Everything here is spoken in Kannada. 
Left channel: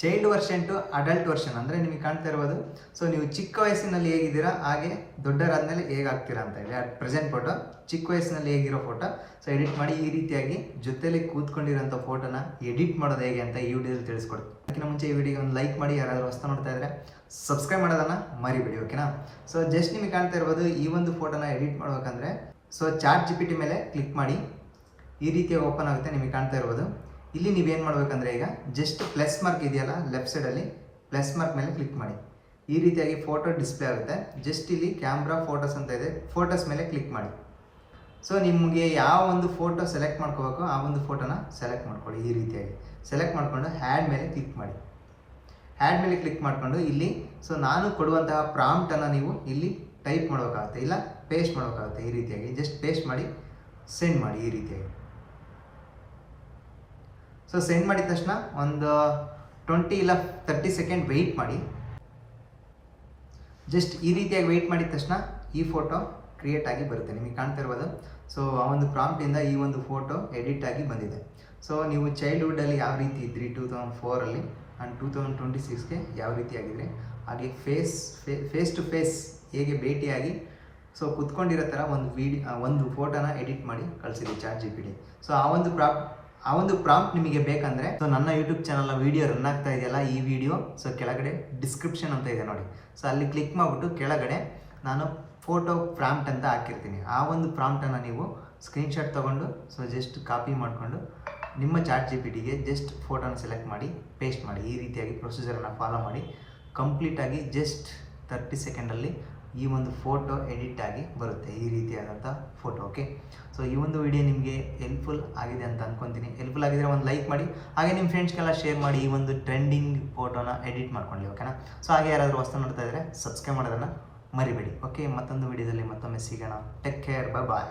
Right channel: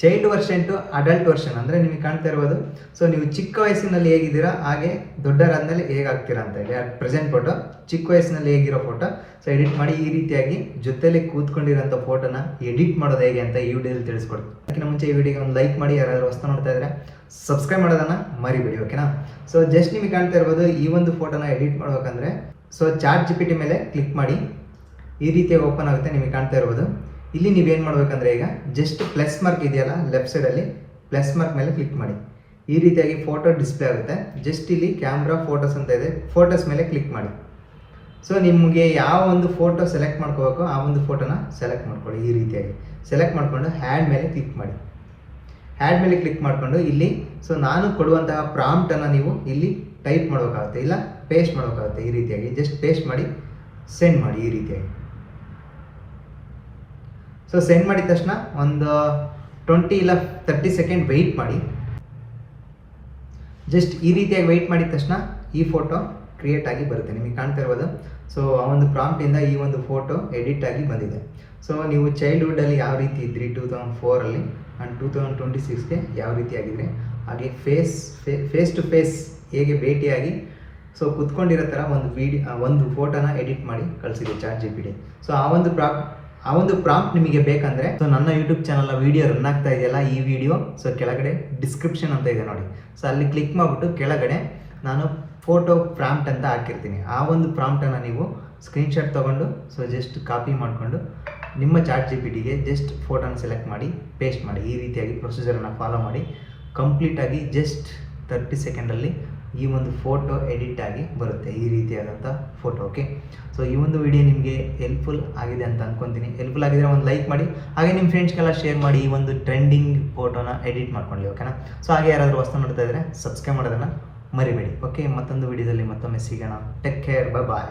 Child version to adult version ಅಂದರೆ ನಿಮಗೆ ಕಾಣ್ತಾ ಇರ್ಬೋದು. ಸೊ ನೀವು ಚಿಕ್ಕ ವಯಸ್ಸಿನಲ್ಲಿ ಹೇಗಿದ್ದೀರಾ ಹಾಗೆ ದೊಡ್ಡರಾದ್ಮೇಲೆ ಹೇಗಾಗ್ತೀರಾ ಅಂತ ಹೇಳಿ ಪ್ರೆಸೆಂಟ್ ಫೋಟೋ, ಚಿಕ್ಕ ವಯಸ್ಸಿನಲ್ಲಿ ಹೇಗಿರೋ ಫೋಟೋ. ಸೊ ಎಡಿಟ್ ಮಾಡಿ ಈ ರೀತಿಯಾಗಿ ಜೊತೆಲಿ ಕೂತ್ಕೊಂಡಿರೋಂಥ ಫೋಟೋನ ಎಡಿಟ್ ಮಾಡೋದು ಹೇಗೆ ಅಂತ ಈ ವಿಡಿಯೋದಲ್ಲಿ ತಿಳಿಸ್ಕೊಡ್ತೀನಿ. ಅದಕ್ಕಿಂತ ಮುಂಚೆ ಈ ವಿಡಿಯೋಗೆ ಒಂದು ಲೈಕ್ ಮಾಡಿ, ಯಾರಾದರೂ ಹೊಸ ನೋಡ್ತಾ ಇದ್ದರೆ ಸಬ್ಸ್ಕ್ರೈಬ್ ಮಾಡೋದನ್ನು ಮರಿಬೇಡಿ, ಓಕೆನಾ. ಸೊ ಜಸ್ಟ್ ನಿಮಗೆ ಕಾಣ್ತಾ ಇರ್ಬೋದು ಈ ಒಂದು ಫೋಟೋನ ಎಡಿಟ್ ಮಾಡ್ಬೇಕಂದ್ರೆ ಸೊ ಚಾಟ್ GPT ಮೇಲೆ ಕ್ಲಿಕ್ ಮಾಡಿ ಈ ರೀತಿಯಾಗಿ ಓಪನ್ ಆಗುತ್ತೆ. ನಿಮಗೆ ಕಾಣ್ತಾ ಇರ್ಬೋದು ಇಲ್ಲಿ ನೀವೇನು ಮಾಡಬೇಕಂದ್ರೆ ಈಗ ಜಸ್ಟ್ ಪ್ಲಸ್ ಮಾರ್ಕ್ ಇದೆಯಲ್ಲ ಲೆಫ್ಟ್ ಸೈಡಲ್ಲಿ, ಪ್ಲಸ್ ಮಾರ್ಕ್ ಮೇಲೆ ಕ್ಲಿಕ್ ಮಾಡಿ ಈ ರೀತಿಯಾಗಿ ಫೋಟೋ ಡಿಸ್ಪ್ಲೇ ಆಗುತ್ತೆ. ಜಸ್ಟ್ ಇಲ್ಲಿ ಕ್ಯಾಮ್ರಾ ಫೋಟೋಸ್ ಅಂತ ಇದೆ, ಫೋಟೋಸ್ ಮೇಲೆ ಕ್ಲಿಕ್ ಮಾಡಿ. ಸೊ ನಿಮಗೆ ಯಾವ ಒಂದು ಫೋಟೋ ಸೆಲೆಕ್ಟ್ ಮಾಡ್ಕೋಬೇಕು ಆ ಒಂದು ಫೋಟೋನ ಸೆಲೆಕ್ಟ್ ಮಾಡ್ಕೊಳ್ಳಿ. ಈ ರೀತಿಯಾಗಿ ಸೆಲೆಕ್ಟ್ ಮಾಡಿಕೊಂಡು ಹ್ಯಾಡ್ ಮೇಲೆ ಕ್ಲಿಕ್ ಮಾಡಿ. ಹ್ಯಾಡ್ ಮೇಲೆ ಕ್ಲಿಕ್ ಮಾಡಿಕೊಂಡು ಇಲ್ಲಿ ಸೊ ನಾನು ಕೊಡುವಂತಹ ಪ್ರಾಂಪ್ಟನ್ನು ನೀವು ಇಲ್ಲಿ ಟೈಪ್ ಮಾಡಬೇಕಾಗುತ್ತೆ, ಇಲ್ಲ ಪೇಸ್ಟ್ ಮಾಡಬೇಕಾಗುತ್ತೆ. ಈ ರೀತಿಯಾಗಿ ಜಸ್ಟ್ ಪೇಸ್ಟ್ ಮಾಡಿ ಸೆಂಡ್ ಮಾಡಿ ಈ ರೀತಿಯಾಗಿ. ಸೊ ಸೆಂಡ್ ಮಾಡಿದ ತಕ್ಷಣ ಒಂದು 20 ಇಲ್ಲ 30 ಸೆಕೆಂಡ್ ವೆಯ್ಟ್ ಮಾಡಿ. ಜಸ್ಟ್ ಈ ರೀತಿಯಾಗಿ ವೆಯ್ಟ್ ಮಾಡಿದ ತಕ್ಷಣ ಈ ಫೋಟೋ ಕ್ರಿಯೇಟ್ ಆಗಿ ಬರುತ್ತೆ, ನಿಮಗೆ ಕಾಣ್ತಾ ಇರ್ಬೋದು. ಸೊ ಆ ಒಂದು ಪ್ರಾಂಪ್ಟಿಂದ ಈ ಒಂದು ಫೋಟೋ ಎಡಿಟ್ ಆಗಿ ಬಂದಿದೆ. ಸೊ ನೀವು ಚೈಲ್ಡ್ಹುಡ್ಡಲ್ಲಿ ಯಾವ ರೀತಿ ಇದ್ರಿ 2004 ಆ್ಯಂಡ್ 2026ಗೆ ಯಾವ ರೀತಿ ಆಗಿದ್ರಿ, ಹಾಗೆ ಫೇಸ್ ಟು ಫೇಸ್ ಹೇಗೆ ಭೇಟಿಯಾಗಿ ಸೊ ಕುತ್ಕೊಂಡಿರೋ ಥರ ಒಂದು ಫೋಟೋನ ಎಡಿಟ್ ಮಾಡಿ ಕಳಿಸಿದೆ ಚಾಟ್ GPT. ಸೊ ಆ ಒಂದು ಪ್ರಾಂಪ್ಟ್ ನಿಮಗೆ ಬೇಕಂದರೆ ಸೊ ನನ್ನ ಯೂಟ್ಯೂಬ್ ಚಾನಲ್ನ ವೀಡಿಯೋ ರನ್ ಆಗ್ತಾ ಇದೆಯಲ್ಲ ಈ ವಿಡಿಯೋ, ಸೊ ಕೆಳಗಡೆ ಡಿಸ್ಕ್ರಿಪ್ಷನ್ ಅಂತ ಇದೆ ನೋಡಿ. ಸೊ ಅಲ್ಲಿ ಕ್ಲಿಕ್ ಮಾಡಿಬಿಟ್ಟು ಕೆಳಗಡೆ ನಾನು ಫೋಟೋ ಪ್ರಾಂಪ್ಟ್ ಅಂತ ಹಾಕಿರ್ತೀನಿ. ಆ ಒಂದು ಪ್ರಾಂಪ್ಟನ್ನು ನೀವು ಸ್ಕ್ರೀನ್ಶಾಟ್ ತೊಗೊಂಡು ಸೊ ಜಸ್ಟ್ ಕಾಪಿ ಮಾಡಿಕೊಂಡು ನಿಮ್ಮ ಚಾಟ್ GPTಗೆ ಜಸ್ಟ್ ಫೋಟೋನ ಸೆಲೆಕ್ಟ್ ಮಾಡಿ ಪೇಸ್ಟ್ ಮಾಡಿ. ಈ ರೀತಿಯಾಗಿ ಪ್ರೊಸೀಜರನ್ನು ಫಾಲೋ ಮಾಡಿ ಕಂಪ್ಲೀಟಾಗಿ ಜಸ್ಟ್ 30 ಸೆಕೆಂಡಲ್ಲಿ ಈ ಒಂದು ಫೋಟೋ ಎಡಿಟ್ ಆಗಿ ಬರುತ್ತೆ, ಈ ರೀತಿಯಾದಂಥ ಫೋಟೋ, ಓಕೆ. ಸೊ ಈ ಒಂದು ವಿಡಿಯೋ ನಿಮಗೆ ಹೆಲ್ಪ್ಫುಲ್ ಆಗಿದೆ ಅಂತ ಅಂದ್ಕೊತೀನಿ. ಹೆಲ್ಪ್ಫುಲ್ ಆಗಿದ್ರೆ ಒಂದು ಲೈಕ್ ಮಾಡಿ, ಹಾಗೆ ನಿಮ್ಮ ಫ್ರೆಂಡ್ಸ್ಗೆಲ್ಲ ಶೇರ್ ಮಾಡಿ ಈ ಒಂದು ಟ್ರೆಂಡಿಂಗ್ ಫೋಟೋನ ಎಡಿಟ್ ಮಾಡ್ಕೊಳ್ಳಿ, ಓಕೆನಾ. ಸೊ ಹಾಗೆ ಯಾರಾದರೂ ಹೊಸ ನೋಡ್ತಾ ಇದ್ದರೆ ಸಬ್ಸ್ಕ್ರೈಬ್ ಮಾಡೋದನ್ನು ಮರಿಬೇಡಿ, ಓಕೆ. ಮತ್ತೊಂದು ವಿಡಿಯೋದಲ್ಲಿ ಮತ್ತೊಮ್ಮೆ ಸಿಗೋಣ. ಟೇಕ್ ಕೇರ್, ಬಾಯ್.